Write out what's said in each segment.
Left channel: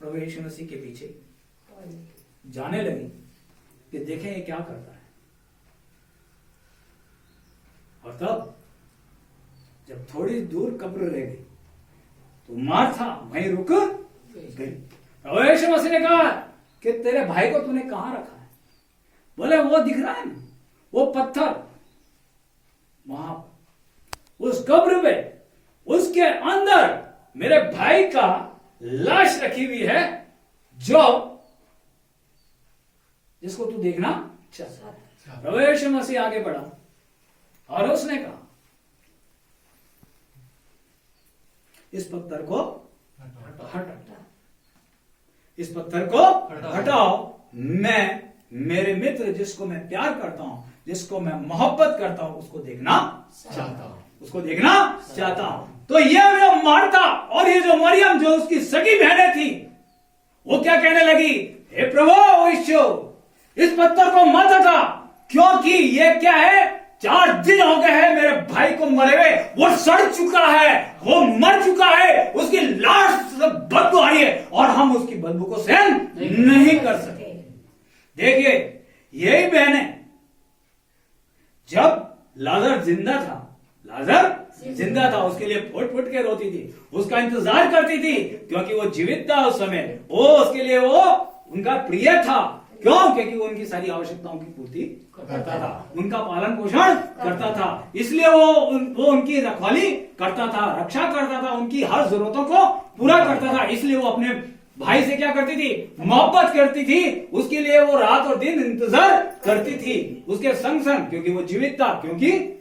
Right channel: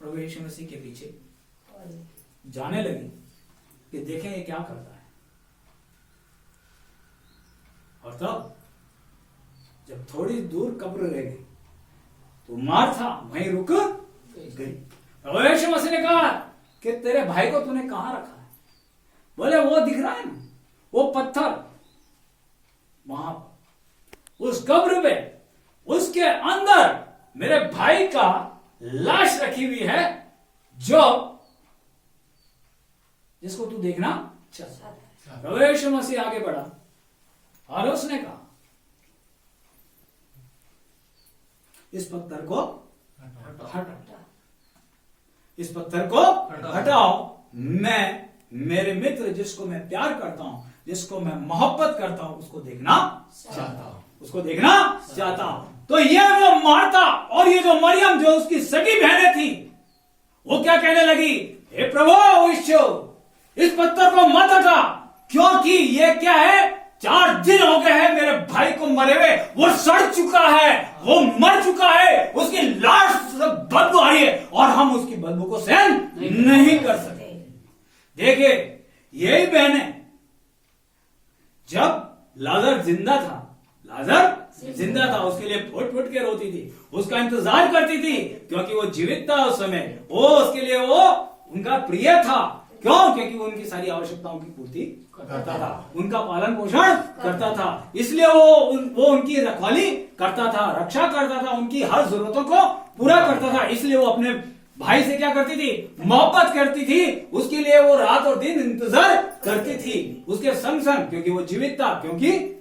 प्रभु यीशु मसीह के पीछे जाने लगी कि देखें ये क्या करता है। और तब जब थोड़ी दूर कब्र रह गई तो मार्था वहीं रुक गई। प्रभु यीशु मसीह ने कहा कि तेरे भाई को तूने कहां रखा है? बोले वो दिख रहा है ना, वो पत्थर वहां उस कब्र में, उसके अंदर मेरे भाई का लाश रखी हुई है, जो जिसको तू देखना चाहता है। प्रभु यीशु मसीह आगे बढ़ा और उसने कहा इस पत्थर को हटाओ, इस पत्थर को हटाओ। मैं मेरे मित्र जिसको मैं प्यार करता हूं, जिसको मैं मोहब्बत करता हूं, उसको देखना चाहता हूं, उसको देखना चाहता हूं। तो ये जो मार्था और ये जो मरियम जो उसकी सगी बहनें थी, वो क्या कहने लगी? हे प्रभु यीशु, इस पत्थर को मत हटा, क्योंकि ये क्या है, 4 दिन हो गए हैं मेरे भाई को मरे हुए, वो सड़ चुका है, वो मर चुका है, उसकी लाश बदबू आ रही है और हम उसकी बदबू को सहन नहीं कर सकते। देखिए यही बहने जब लाजर जिंदा था, उसके लिए फुट फुट के रोती थी, उसका इंतजार करती थी, क्योंकि वो जीवित था उस समय, वो उसके लिए वो उनका प्रिय था। क्यों? क्योंकि वो उनकी सारी आवश्यकताओं की पूर्ति करता था, उनका पालन पोषण करता था, इसलिए वो उनकी रखवाली करता था, रक्षा करता था, उनकी हर जरूरतों को पूरा करता था। इसलिए वो अपने भाई से क्या करती थी? मोहब्बत करती थी, उसके लिए वो रात और दिन इंतजार करती थी, उसके संग संग, क्योंकि वो जीवित था, क्योंकि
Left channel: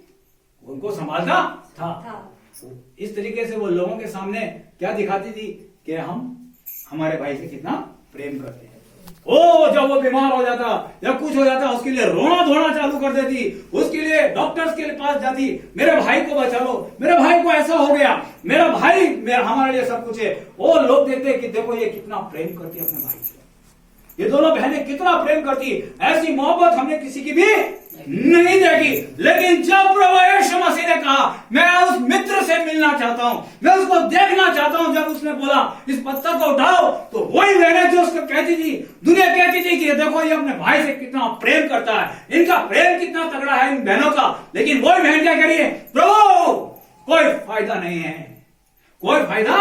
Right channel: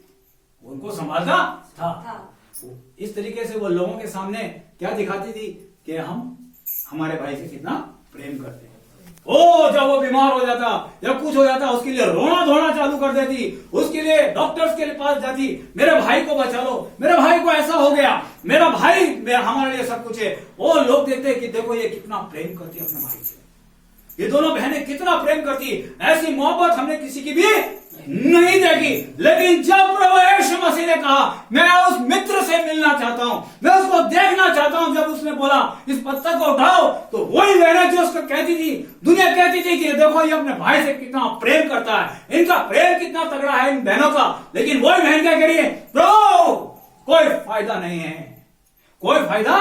उनको संभालता था। इस तरीके से वो लोगों के सामने क्या दिखाती थी कि हम हमारे भाई से कितना प्रेम करते हैं। जब वो बीमार हो जाता या कुछ हो जाता, उसके लिए रोना धोना चालू कर देती, उसके लिए डॉक्टर्स के पास जाती, मेरे भाई को बचा लो, मेरे भाई को ऐसा हो गया, मेरा भाई हमारे लिए सब कुछ है। वो लोग देखते हैं कि देखो ये कितना प्रेम करती है अपने भाई से, ये दोनों बहनें कितना प्रेम करती, ऐसी मोहब्बत हमने किसी की भी नहीं देखी। लेकिन जब प्रभु यीशु मसीह ने कहा मैं उस मित्र से मिलना चाहता हूं, मैं उसको देखना चाहता हूं, जब उसने बोला इस पत्थर को उठाओ, तो वही बहनें जो उसको कहती थी, दुनिया कहती थी कि देखो ये अपने भाई से कितना प्रेम करता है, इनका प्रेम कितना तगड़ा है इन बहनों का। लेकिन वही बहन क्या कह रही है? प्रभु कोई फायदा नहीं है, कोई फायदा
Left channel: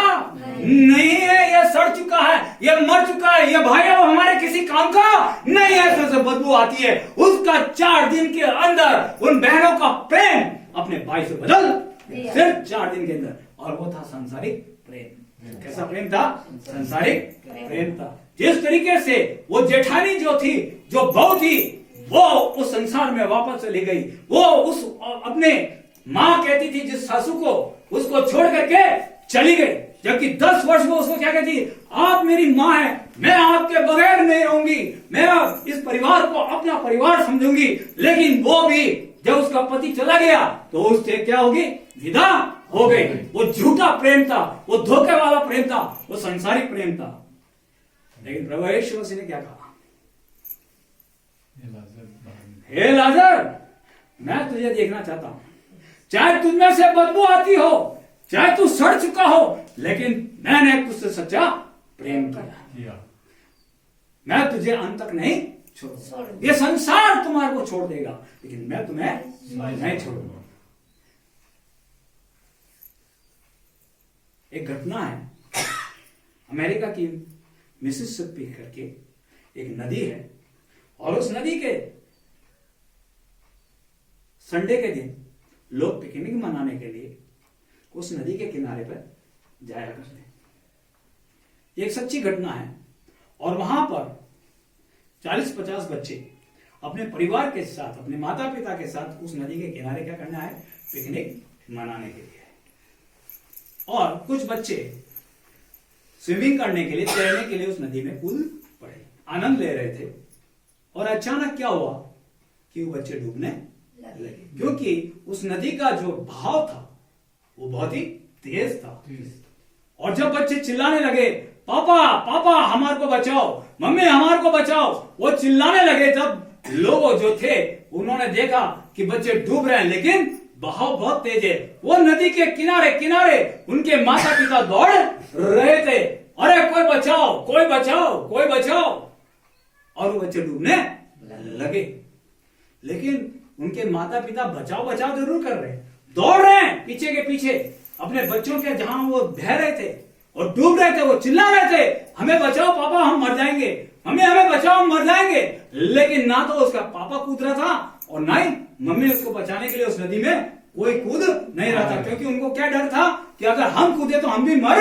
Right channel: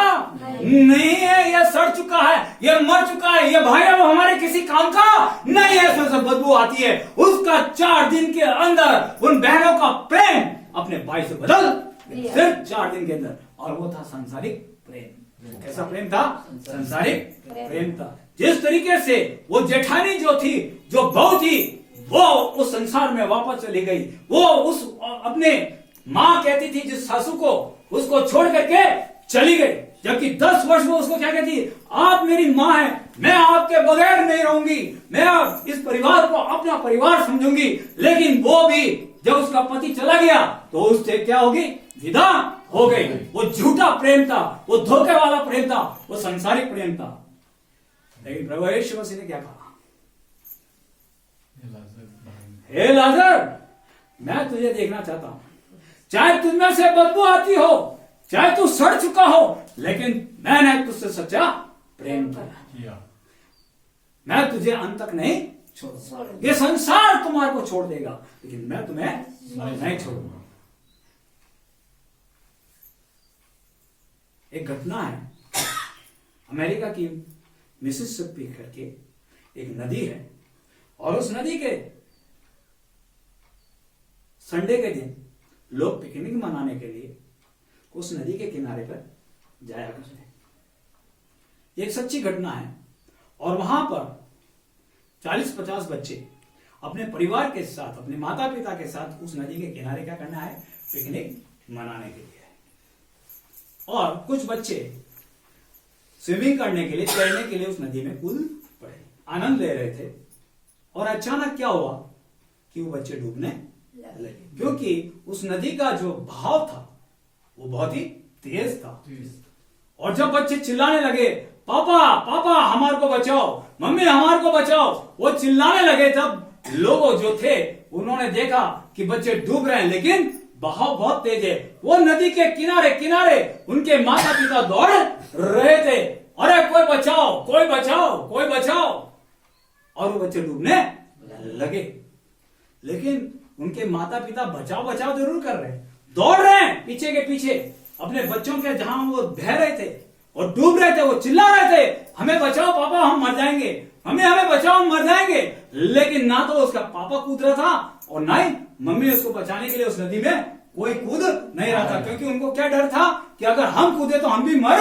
नहीं है, यह सड़ चुका है, यह मर चुका है, यह भाई अब हमारे किसी काम का नहीं है, इसमें से बदबू आती है। उसका 4 दिन के अंदर उन बहनों का प्रेम अपने भाई से बदल, सिर्फ 4 दिन के अंदर, और वो था सांसारिक प्रेम। कैसा प्रेम था? सांसारिक प्रेम था। जिस तरीके से वो जेठानी जो थी, जो बहू थी, वो उस संसार में वापस चली गई, वो उस अपने माँ कहती थी जिस सासू को, उसको छोड़ करके चली गई, जबकि 10 वर्ष में उसको क्या कहती, आप मेरी माँ है, मैं आपके बगैर नहीं रहूंगी, मैं इस परिवार को अपना परिवार समझूंगी। लेकिन वो भी जब उसका पति चला गया तो उससे क्या होगी? विदा हो गई। वो झूठा प्रेम था, वो धोखे वाला प्रेम था, वो संसारिक प्रेम था। लेकिन प्रभु यीशु मसीह ने क्या कहा? हे लाजर, मैं तुझे देखना चाहता हूं, चाहे तुझमें से बदबू आती हो, चाहे तू सड़ चुका हो, लेकिन मैंने तुझसे सच्चा प्रेम किया, मैं तुझे अंत तक नहीं छोड़ूंगा। ये संसार तुम्हारे को छोड़ देगा, लेकिन मैं तुम्हें नहीं छोड़ूंगा। एक घटना है, अमेरिका की मिसिसिपी करके एक नदी है, और उस नदी के संडे के दिन लोग पिकनिक मनाने के लिए उस नदी के किनारे पर जाया करते हैं। एक सच्ची घटना है, और वहां पर 40-50 बच्चे अपने परिवार के साथ, अपने माता पिता के साथ उस नदी के किनारे क्या करना है? पिकनिक मनाने के लिए। और कुछ बच्चे स्विमिंग करने के लिए, तैरने के लिए उस नदी में कूद पड़े, आनंद ले रहे थे। और अचानक क्या हुआ कि वो बच्चे डूबने लगे, क्योंकि उस नदी का जो बहाव था वो बहुत ही तेज था। और जब बच्चे चिल्लाने लगे, पापा पापा हमारे को बचाओ, मम्मी हमारे को बचाओ, वो चिल्लाने लगे, तब लोग जो थे उन्होंने देखा कि बच्चे डूब रहे हैं, लेकिन बहाव बहुत तेज है। वो नदी के किनारे किनारे उनके माता पिता दौड़ रहे थे, अरे कोई से डूबने लगे। लेकिन उनके माता पिता बचाव बचाव जरूर कर रहे हैं, दौड़ रहे हैं पीछे के पीछे अपने बच्चों के, जहां वो बह रहे थे और डूब रहे थे, वो चिल्ला रहे थे, हमें बचाओ पापा, हम मर जाएंगे, हमें बचाओ, हम मर जाएंगे। लेकिन ना तो उसका पापा कूद रहा था और ना ही मम्मी उसको बचाने के लिए उस नदी में कोई कूद नहीं रहा था, क्योंकि उनको क्या डर था कि अगर हम कूदे तो हम भी मर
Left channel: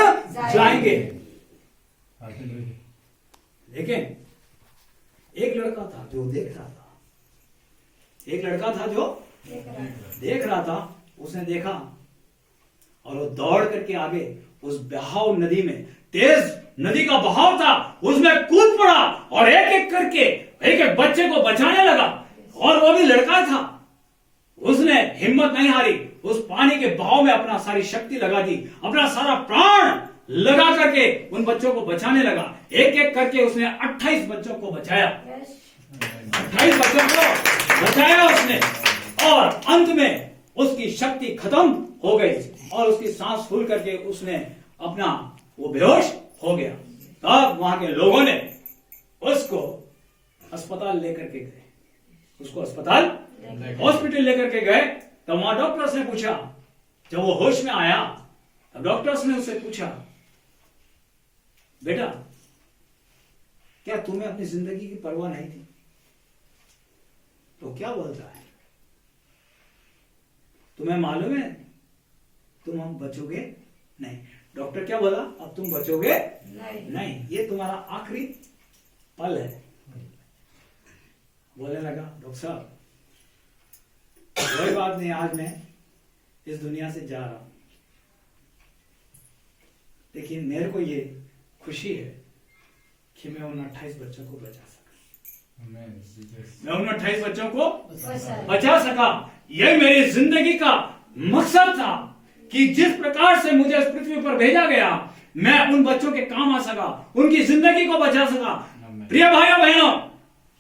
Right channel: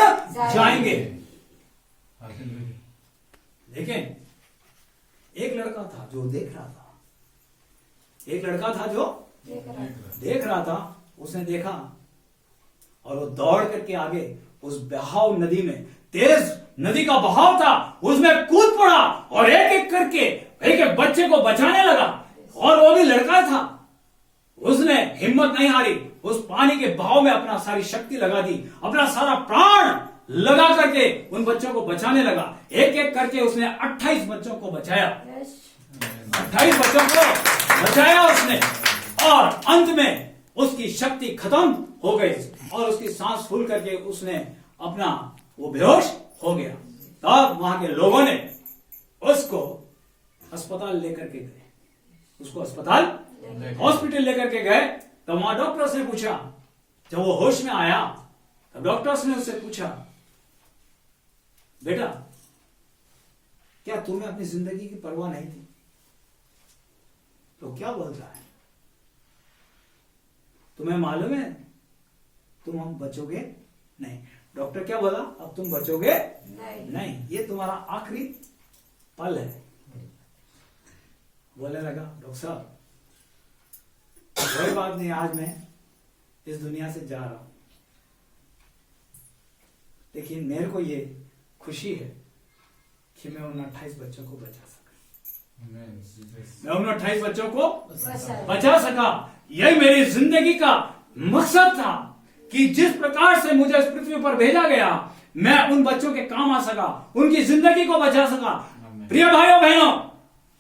जाएंगे। लेकिन एक लड़का था जो देख रहा था, एक लड़का था जो देख रहा था, उसने देखा और वो दौड़ करके आगे उस बहाव नदी में, तेज नदी का बहाव था, उसमें कूद पड़ा और एक एक करके एक एक बच्चे को बचाने लगा। और वो भी लड़का था, उसने हिम्मत नहीं हारी, उस पानी के बहाव में अपना सारी शक्ति लगा दी, अपना सारा प्राण लगा करके उन बच्चों को बचाने लगा। एक एक करके उसने 28 बच्चों को बचाया, 28 बच्चों को बचाया उसने। और अंत में उसकी शक्ति खत्म हो गई और उसकी सांस फूल करके उसने अपना वो बेहोश हो गया। तब वहां के लोगों ने उसको अस्पताल लेकर के गए, उसको अस्पताल हॉस्पिटल लेकर के गए। तो वहां डॉक्टर्स ने पूछा, जब वो होश में आया तब डॉक्टर्स ने उससे पूछा, बेटा क्या तुम्हें अपनी जिंदगी की परवाह नहीं थी? तो क्या बोलता है, तुम्हें मालूम है तुम हम बचोगे नहीं? डॉक्टर क्या बोला, अब तुम बचोगे नहीं, ये तुम्हारा आखिरी पल है। बोलने लगा, डॉक्टर साहब कोई बात नहीं, आज मैं इस दुनिया से जा रहा हूं, लेकिन मेरे को ये खुशी है कि मैं उन 28 बच्चों को बचा सका, मैं उन 28 बच्चों को बचा सका। यही मेरी जिंदगी का मकसद था कि जिस प्रकार से मुझे इस पृथ्वी पर भेजा गया, मैं उन बच्चों के काम आ सका, उनकी जिंदगी को बचा सका। प्रिय भाइयों बहनों,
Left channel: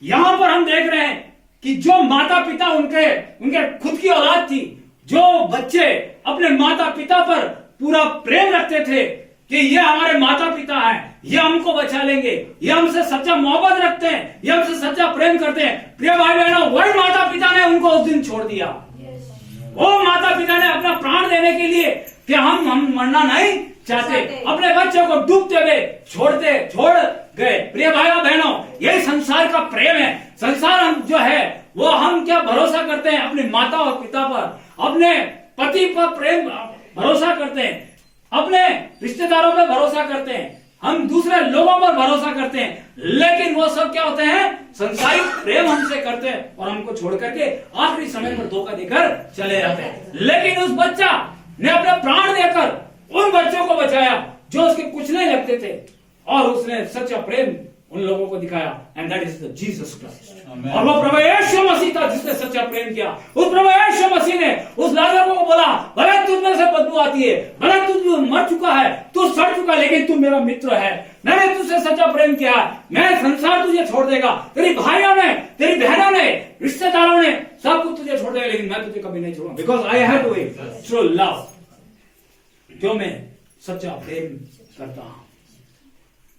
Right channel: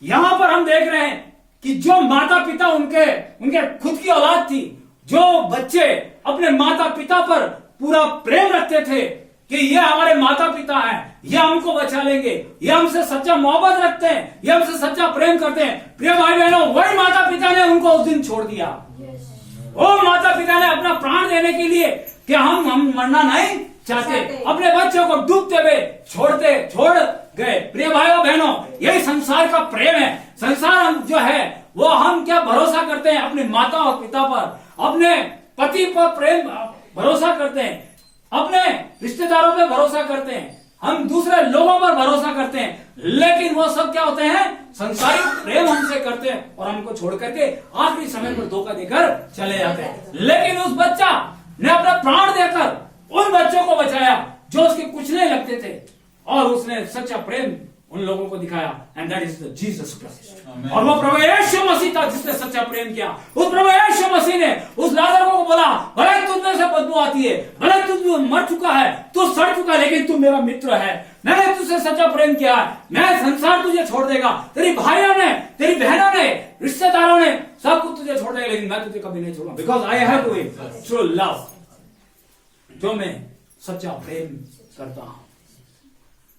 यहां पर हम देख रहे हैं कि जो माता पिता उनके खुद की औलाद थी, जो बच्चे अपने माता पिता पर पूरा प्रेम रखते थे कि ये हमारे माता पिता हैं, ये हमको बचा लेंगे, ये हमसे सच्चा मोहब्बत रखते हैं, ये हमसे सच्चा प्रेम करते हैं। प्रिय भाई बहनों, वही माता पिता ने उनको उस दिन छोड़ दिया। वो माता पिता ने अपना प्राण देने के लिए कि हम मरना नहीं चाहते, अपने बच्चों को डूबते हुए छोड़ गए। प्रिय भाइयों बहनों, यही संसार का प्रेम है। संसार हम जो है वो हम क्या भरोसा करते हैं, अपने माता और पिता पर, अपने पति पर प्रेम भरोसा करते हैं, अपने रिश्तेदारों पर भरोसा करते हैं, हम दूसरे लोगों पर भरोसा करते हैं। लेकिन वो सब क्या होते हैं, संसारिक प्रेम हमसे करते हैं और हमको छोड़ करके आखिरी समय पर धोखा देकर चले जाते हैं। लेकिन उस बच्चा ने अपना प्राण देकर उन बच्चों को बचाया जो उसके कुछ नहीं लगते थे, और उसने सच्चा प्रेम उन लोगों को दिखाया, and that is the Jesus Christ. और वो प्रभु यीशु मसीह था जिसने सच्चा प्रेम किया। उस प्रभु यीशु मसीह ने उस लाजर को बोला, भले तुझ में से बदबू आती है, भले तू मर चुका है, तू सड़ चुका, लेकिन तू मेरा मित्र है, मैंने तुझसे सच्चा प्रेम किया, मैं संसार तुझे छोड़ देगा, तेरी भाइयों ने, तेरी बहनों ने, रिश्तेदारों ने सब कुछ तुझे छोड़ देगा, लेकिन मैं तुझे कभी नहीं छोड़ूंगा, because I have to it through love. जो मैं सच्चा प्रेम करता हूं,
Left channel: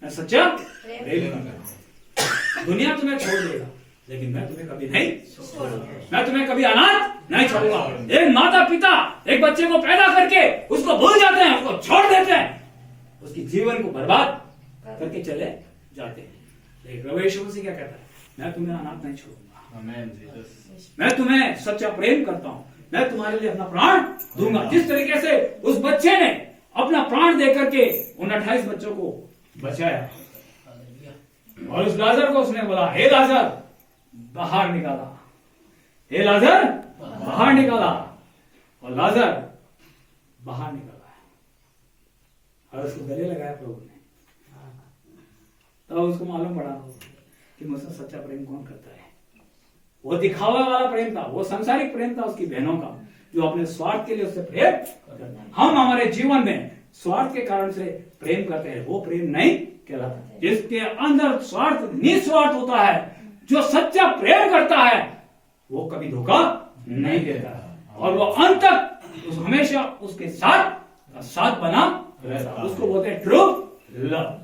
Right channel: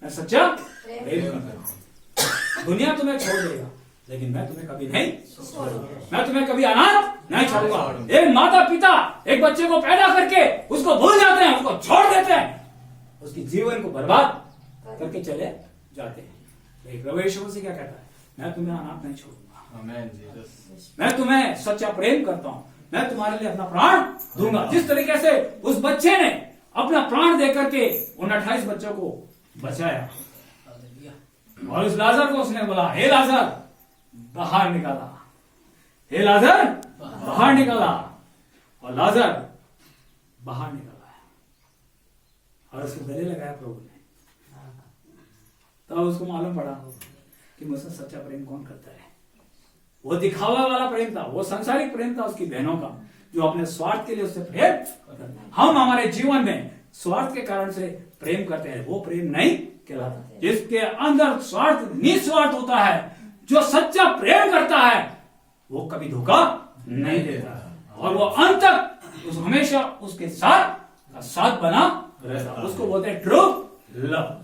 मैं सच्चा प्रेम करता हूं। दुनिया तुम्हें छोड़ देगा, लेकिन मैं तुम्हें कभी नहीं छोड़ूंगा, मैं तुम्हें कभी अनाथ नहीं छोड़ूंगा। एक माता पिता एक बच्चे को पैदा करके उसको भूल जाते हैं, उसको छोड़ देते हैं, उसकी जीवन को बर्बाद करके चले जाते हैं। लेकिन प्रभु यीशु मसीह क्या कहता है, मैं तुम्हें अनाथ नहीं छोड़ूंगा, मैं तुम्हें सच्चा प्रेम करता हूं, मैं तुम्हारे लिए अपना प्राण दूंगा। जिस तरीके से उस बच्चे ने अपना प्राण दे करके उन 28 बच्चों को बचाया, और उस लाजर को उसने बोला, हे लाजर बाहर निकाला, हे लाजर बाहर निकाला, और लाजर बाहर निकाला, और उसको गले लगाया प्रभु ने। तब उसको मालूम पड़ा कि मुझसे सच्चा प्रेम कौन करता है। वो दिखावा वाला प्रेम था, वो सांसारिक प्रेम था उसकी बहनों का, जो अपने स्वार्थ के लिए उससे प्रेम करता है। हम हमारे जीवन में स्वार्थ के कारण से प्रेम करते हैं, वो प्रेम नहीं कहलाता। जिसके अंदर स्वार्थ निस्वार्थ होता है, जो सच्चा प्रेम करता है, वो कभी धोखा नहीं देता, और वो अंत तक हमेशा उसके साथ बना रहता। उसको बोलते हैं ट्रू लव,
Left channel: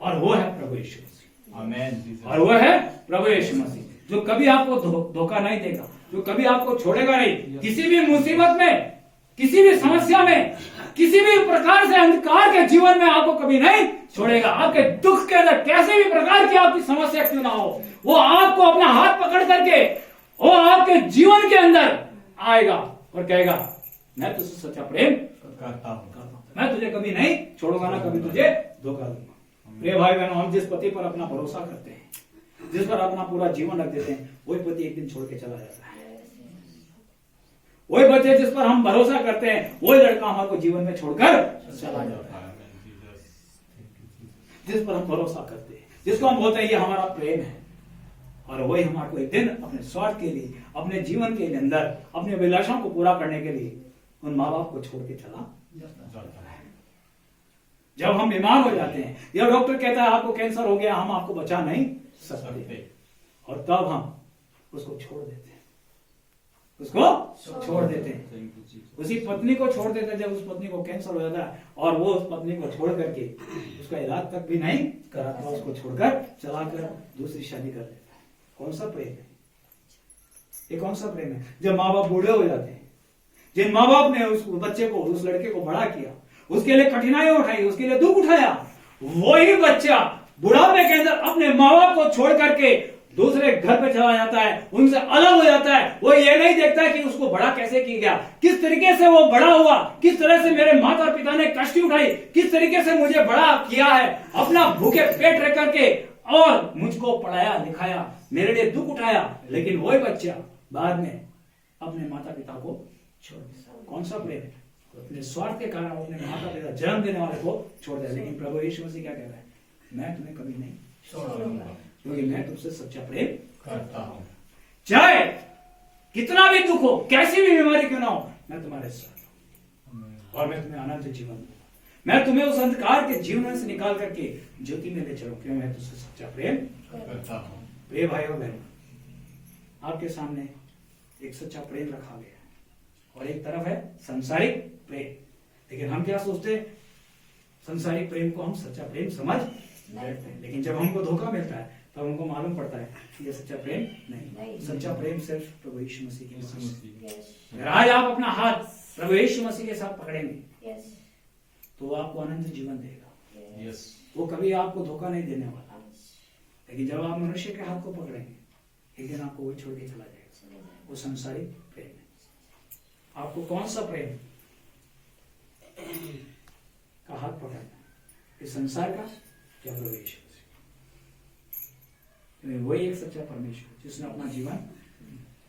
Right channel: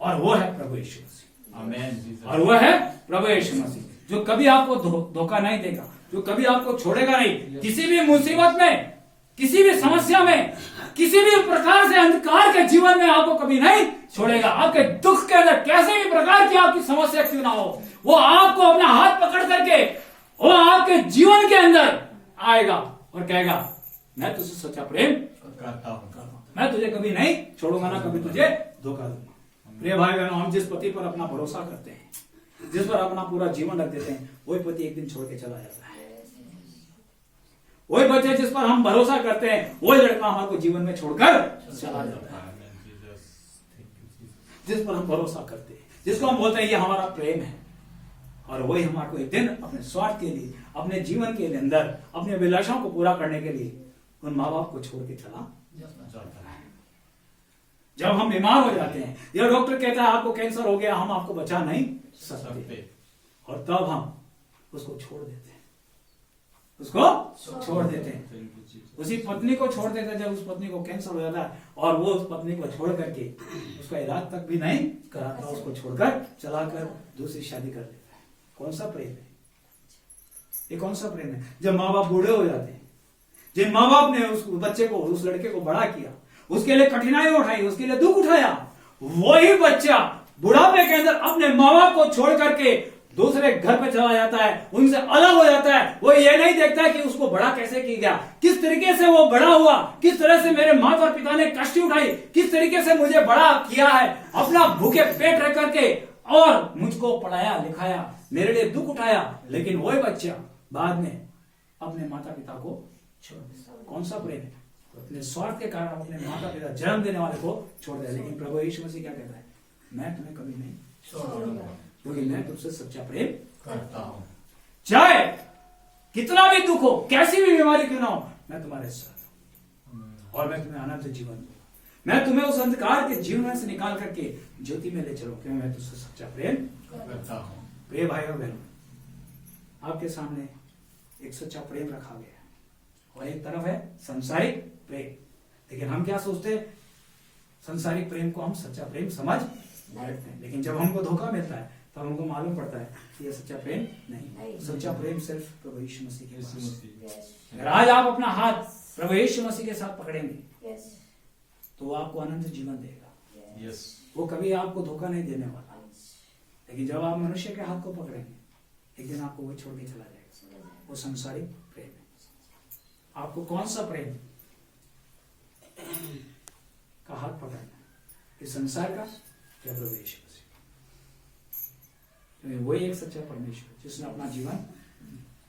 और वो है प्रभु यीशु मसीह। आमेन। और वह है प्रभु यीशु मसीह, जो कभी आपको धोखा नहीं देगा, जो कभी आपको छोड़ेगा नहीं। किसी भी मुसीबत में, किसी भी समस्या में, किसी भी प्रकार से अंधकार के जीवन में आपको कभी नहीं छोड़ेगा। आपके दुख के अंदर कैसे भी प्रकार की आपकी समस्या क्यों ना हो, वो आपको अपना हाथ पकड़ करके वो आपके जीवन के अंदर आएगा और कहेगा मैं तुझसे सच्चा प्रेम करता हूँ, मैं तुझे कभी नहीं छोड़ूंगा, ना कभी तुझे धोखा दूंगा। प्रिय भाई बहनों, हम जिस पति पर अपना भरोसा करते हैं, जिस पर अपना पूरा जीवन रख देते हैं, वही पति एक दिन छोड़ के चला जाता है। वही बच्चे जिस पर हम भरोसा करते हैं, वही लड़का हमारे जीवन में छोड़कर चला जाता है। जिस पर हम भरोसा करते हैं, जिसको हम बोलते हैं ये हमारा प्रेम है, और वही हमारे को एक दिन अपने स्वार्थ के लिए, अपने जीवन के अंदर अपने अभिलाषाओं को पूरा करने के लिए उन माँ बाप को छोड़ के चला जाता है। जब हम बीमार हो जाते हैं या डॉक्टर कहता है आपको कैंसर हो गया, हम आपको बचा नहीं सकते, और तब हम उसको छोड़ देते हैं, उसको छोड़ देते हैं। उसी पत्नी को छोड़ देते हैं जब उस पत्नी को कैंसर हो जाता है, और वो उस पत्नी को छोड़ करके उसका इलाज तक भी नहीं कराता, उसको छोड़कर चलाकर दूसरी शादी कर लेता है। कौन सा प्रेम है ये? कौन सा प्रेम है? जब माँ बाप बूढ़े हो जाते हैं, जिन माँ बाप ने उस बच्चे को, उस लड़के को बड़ा किया, उसके लिए कठिनाई उठाई, उसके लिए दुख उठाया, वही बच्चा बुढ़ापे के अंदर अपने माँ बाप को छोड़ करके दूसरे घर पे चला जाता है, उनसे अलग हो जाता है। वो ये नहीं देखता कि उसको बड़ा कैसे किया गया, किस तरीके से वो बड़ा हुआ, किस तरह से मेरे माता और पिता ने कष्ट उठाई, किस तरीके से मुझे बड़ा किया है, अपना भूखे पेट रख करके, और मुझको पढ़ाया लिखाया, मेरे लिए दुख उठाया। लेकिन वही बच्चा बाद में अपने माता पिता को छोड़ देता। कौन सा प्रेम है? अपने स्वार्थ के कारण अपने माता पिता जन्म देने वाले को छोड़ दिया। लेकिन प्रभु यीशु मसीह क्या कहता है? मैं तुम्हें कभी नहीं छोड़ूंगा, क्योंकि मैं तुमसे सच्चा प्रेम करता हूं। चाहे कितना भी दुख हो, कैसी भी बीमारी क्यों ना हो, मैं तुम्हारे साथ हूं, और मैं तुम्हें अनंत जीवन दूंगा। मैं तुम्हें उस अंधकार के जीवन से निकाल करके ज्योति में ले चलूं, क्योंकि मैं तुझसे सच्चा प्रेम करता हूं। प्रिय भाई और बहन, आपके सामने एक सच्चा प्रेम रखा गया है, और एक तरफ है संसारिक प्रेम। लेकिन हम क्या सोचते हैं? संसारिक प्रेम को हम सच्चा प्रेम समझ बैठते हैं, लेकिन जब हमको धोखा मिलता है तब हमको मालूम पड़ता है कि ये सच्चा प्रेम नहीं। सच्चा प्रेम सिर्फ प्रभु यीशु मसीह के पास है। अगर आज आप अपना हाथ प्रभु यीशु मसीह के साथ पकड़ेंगे तो वो आपको अनंत जीवन देगा। वो कभी आपको धोखा नहीं देने वाला। लेकिन जब आप मनुष्य के हाथ को पकड़ेंगे, एक दिन आपको वो छोड़ के चला जाएगा। वो संसारिक प्रेम है। आपको कौन सा प्रेम का हाथ पकड़ना? इस संसार का या प्रभु यीशु मसीह? वही एक सच्चा परमेश्वर जिसने अपना जीवन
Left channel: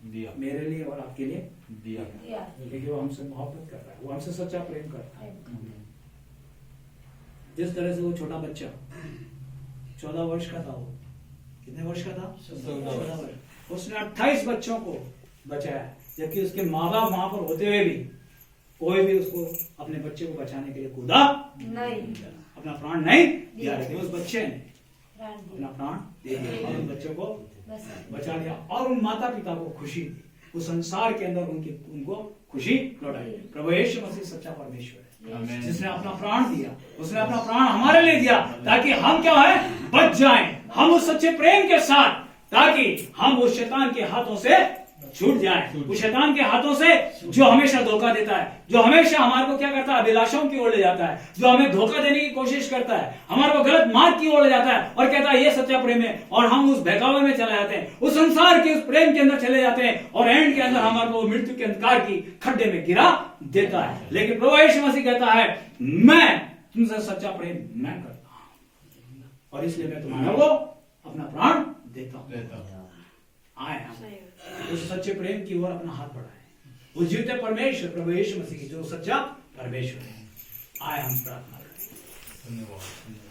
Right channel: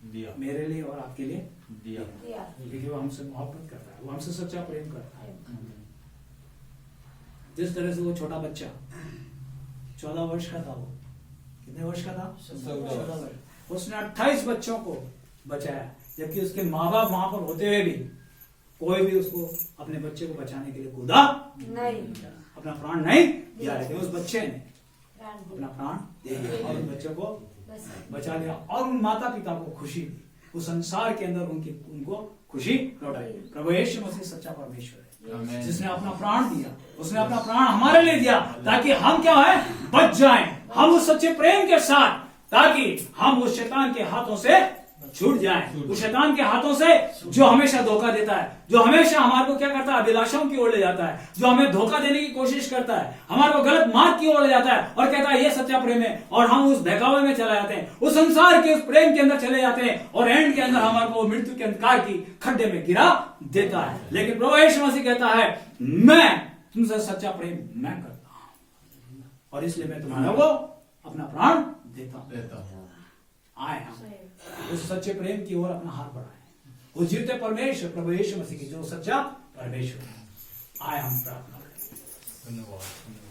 दिया मेरे लिए और आपके लिए दिया, क्योंकि वो हमसे मोहब्बत करता है, वो हमसे सच्चा प्रेम करता है। जिस तरह से वो छोटा बच्चा 14 वर्ष का था, वो कितने वर्ष का था? 14 वर्ष। उसने 28 बच्चों को बचाया, जबकि उसके माँ बाप वहां पर होते हुए भी कोई भी उसको अपने बच्चे को बचाने के लिए कूदा नहीं, अपना प्राण नहीं दिया। लेकिन उस बच्चे ने अपना प्राण दे दिया और उन बच्चों को बचा लिया, और उन माता पिता को खुशी दी। उस संसार के अंदर उनको खुशी लौटाई। प्रभु यीशु मसीह सच्चा परमेश्वर है, जिसने अपना प्राण दिया। उसने अपना प्राण हमारे लिए दिया ताकि हम क्या है? बच जाएं। हम उस सच्चे प्रेम के साथ, ताकि हम उस शैतान के हाथों से छूट जाएं, उस शैतान के हाथों से जो हमेशा धोखा देता है, जो हमेशा हमारे को क्या करता है? अभिलाषाओं की ओर ले जाता है, जो हमें धोखा देने की कोशिश करता है, हमारे को गलत मार्ग की ओर ले जाता है और कहता है ये सच्चा प्रेम है, और हम उस बहकावे में चले जाते हैं, उस संसार के उस प्रेम के अंदर चले जाते हैं, और एंड के अंदर हमारे को मृत्यु के अंधकार की खड्डे में गिरा देता है। लेकिन प्रभु यीशु मसीह कहता है मैं तुमसे सच्चा प्रेम मैं करता हूं, और इसलिए मैं तुम्हारे को अपना प्राण देता हूं। आए उस सच्चे प्रेम की ओर अपना हाथ बढ़ाएं, उस जीवते परमेश्वर प्रभु यीशु मसीह की जो सच्चा परमेश्वर है। आए हम प्रार्थना करें। धन्यवाद।